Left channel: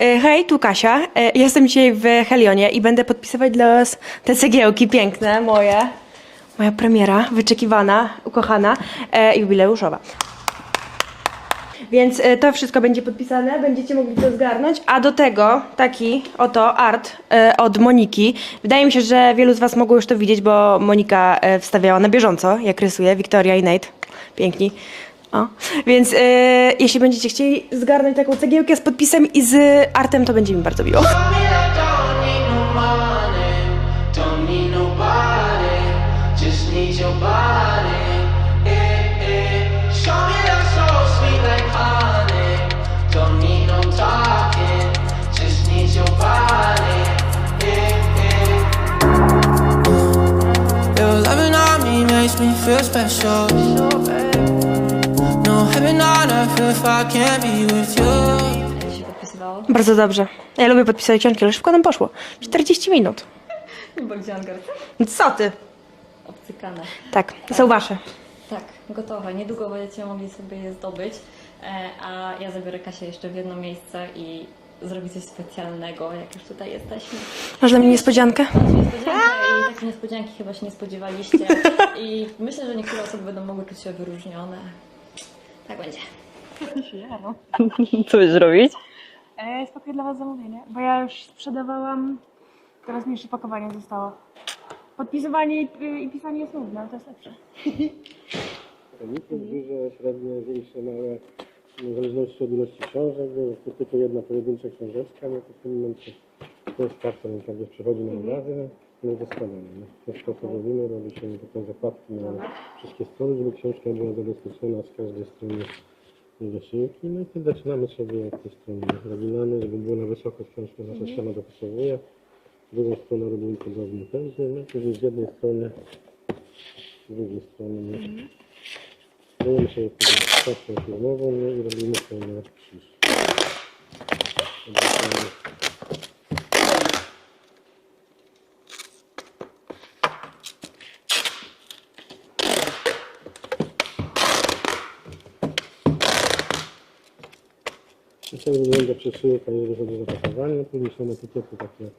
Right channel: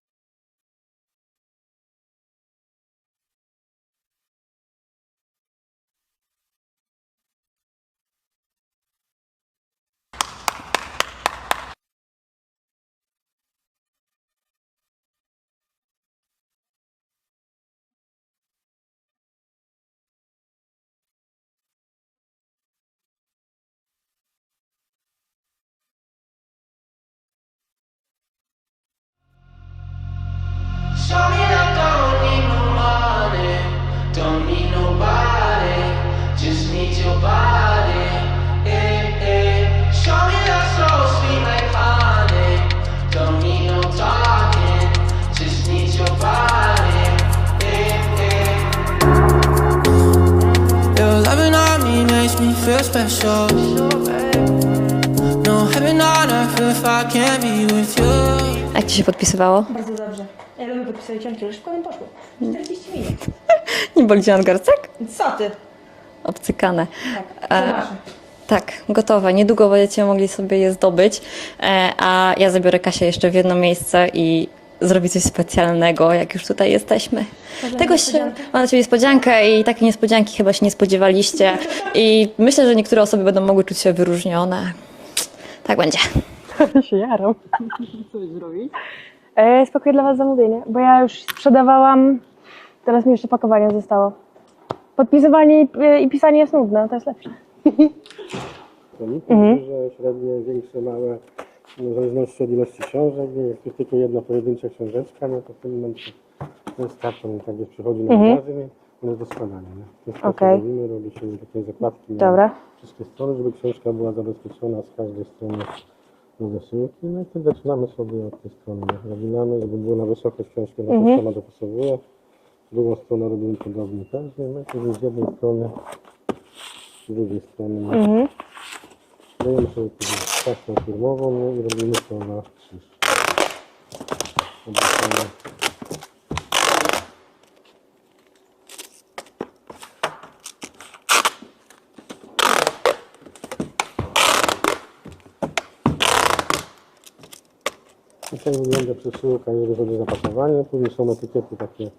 E, Hej, tu Kasia. E, Jestem dzisiaj w Helionie i będę podpisywać dla Was te cegiełki piękne, moje. Moja premiera, wyczekiwana, ukochana, e, jubileuszowa. Więc to wszystko będzie podpisane, będziecie mogli to zgarnąć, a do tego taki oto art od Moniki. Wydaje mi się, że wielu z Was mogło już to widzieć, bo Monika wstawiała na bieżąco, jak rysuje, Wiktoria i Nate. Piękni. O. Więc e, jeśli będziecie chcieli zgarnąć taką cegiełkę z podpisem i z artem, to będzie mi bardzo miło. Your loving on me makes me feel special. Jak ci się podpisywało? Bardzo dobrze. Ja lubię podpisać książki, ale szybko nam poszło. 40 minut. Nie boli cię nadgarstek? Co ty? Obcykane. Tak, są wasze. Tak, gotowe. Niedługo będziecie mogli sobie je zdobyć, e, a ja zabiorę Kasię jeszcze w jedno miejsce i zrobię coś specjalnego, jak już tutaj jesteśmy. Masz dla mnie niespodziankę? Się, mam dla ciebie niespodziankę i takiej niespodzianki chyba się nie spodziewaliście. I myślę, że niektóre osoby będą mogły czuć się wyróżnione. Tak będzie. się jaram. Co będziesz robić? E, spakuję dla was zamówienie, bo ja już sprzedawałam, teraz mi jeszcze pakowanie zostało. Podpisywanie i, i pisanie jest nudne, to jest lepsze. Mhm. Duże, średnie, większe, małe, w zależności od ilości książek. Jak jest tylko jedna pojedyncza książeczka, no to w tym momencie to jest karton, tak jak przychodzi na magazyn, no do składania. Nie? Co Okej. robimy, robi się takie zakładki na Dobra. wszystkie strony, żeby książka była zabezpieczona z każdej strony do wysyłki. No i wtedy zaczynamy sobie od tej strony nabinamy, żeby było na wysokość książkę, na mhm. sama dopasowuje. Drugą stronę robimy podobnie też, no i wtedy z jednej strony, z drugiej strony Mhm. Dajemy sobie taśmę filmową no i robimy to na krzyż. I tak wygląda przesyłka, jeżeli chodzi o zapakowanie. Później są etykiety takie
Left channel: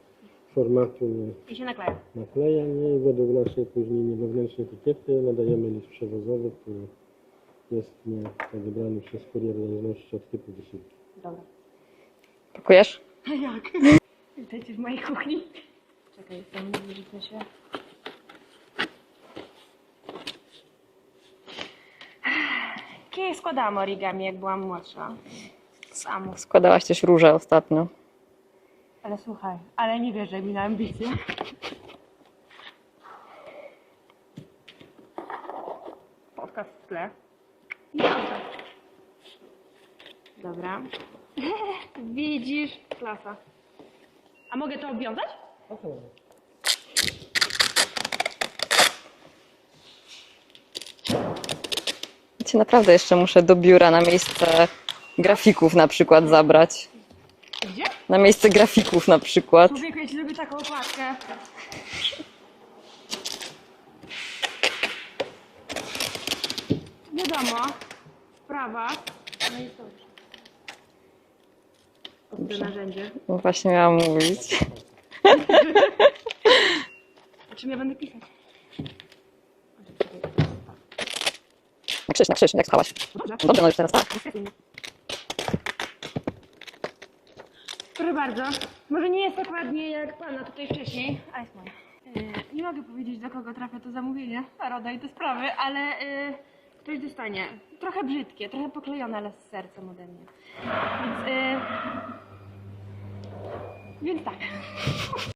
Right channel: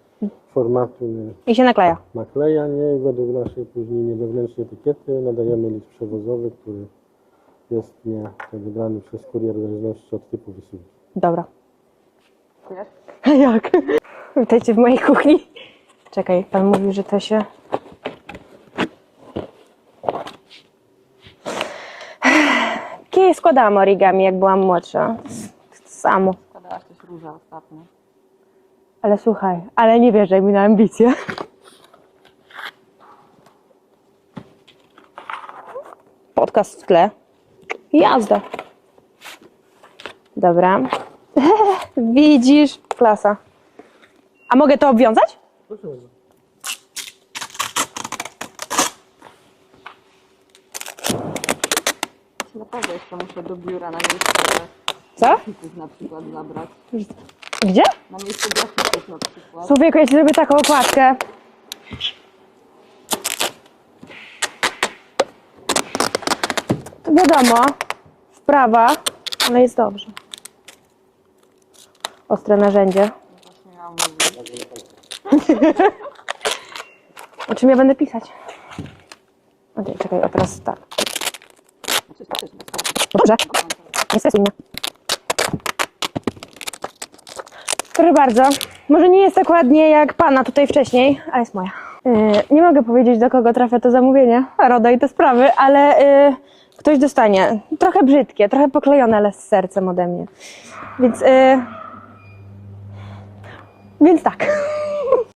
formatu I się nakleja. naklejanie i według naszej później wewnętrznej etykiety nadajemy list przewozowy, który jest nie tak wybrany przez kurier w zależności od typu wysyłki. Dobra. Pakujesz? A jak? Witajcie w mojej kuchni. Czekaj, pan mówił, że to się... Kiedyś składałam origami, jak byłam młodsza. Samo. Składałaś też róże ostatnio. Ale słuchaj, ale nie wierzaj mi na ambicje. Podcast w tle. Jazda. Dobra. Widzisz? Klasa. A mogę to obwiązać? Cię naprawdę jeszcze muszę do biura na miejsce grafików na przykład zabrać. Gdzie? Na miejsce grafików na przykład. Człowieku, ja ci zrobię taką okładkę. To wiadomo, wprawa, ale jest dobrze. Ostre narzędzie. No Właśnie miałam mówić. O czym ja będę pisać? Okej, czekaj, a teraz tak. Krzyż, na krzyż, jak spałaś. No dobrze, Dobra, no już teraz. nie stresuj mnie. Proszę bardzo, może nie jest tak ładnie jak pana tutaj wcześniej, ale jest moja. Yy, nie mogę powiedzieć, do kogo trafia to zamówienie, Roda i te sprawy, ale yy, ktoś dostanie. Trochę brzydkie, trochę poklejone, ale z sercem ode mnie. Więc, yy, więc tak.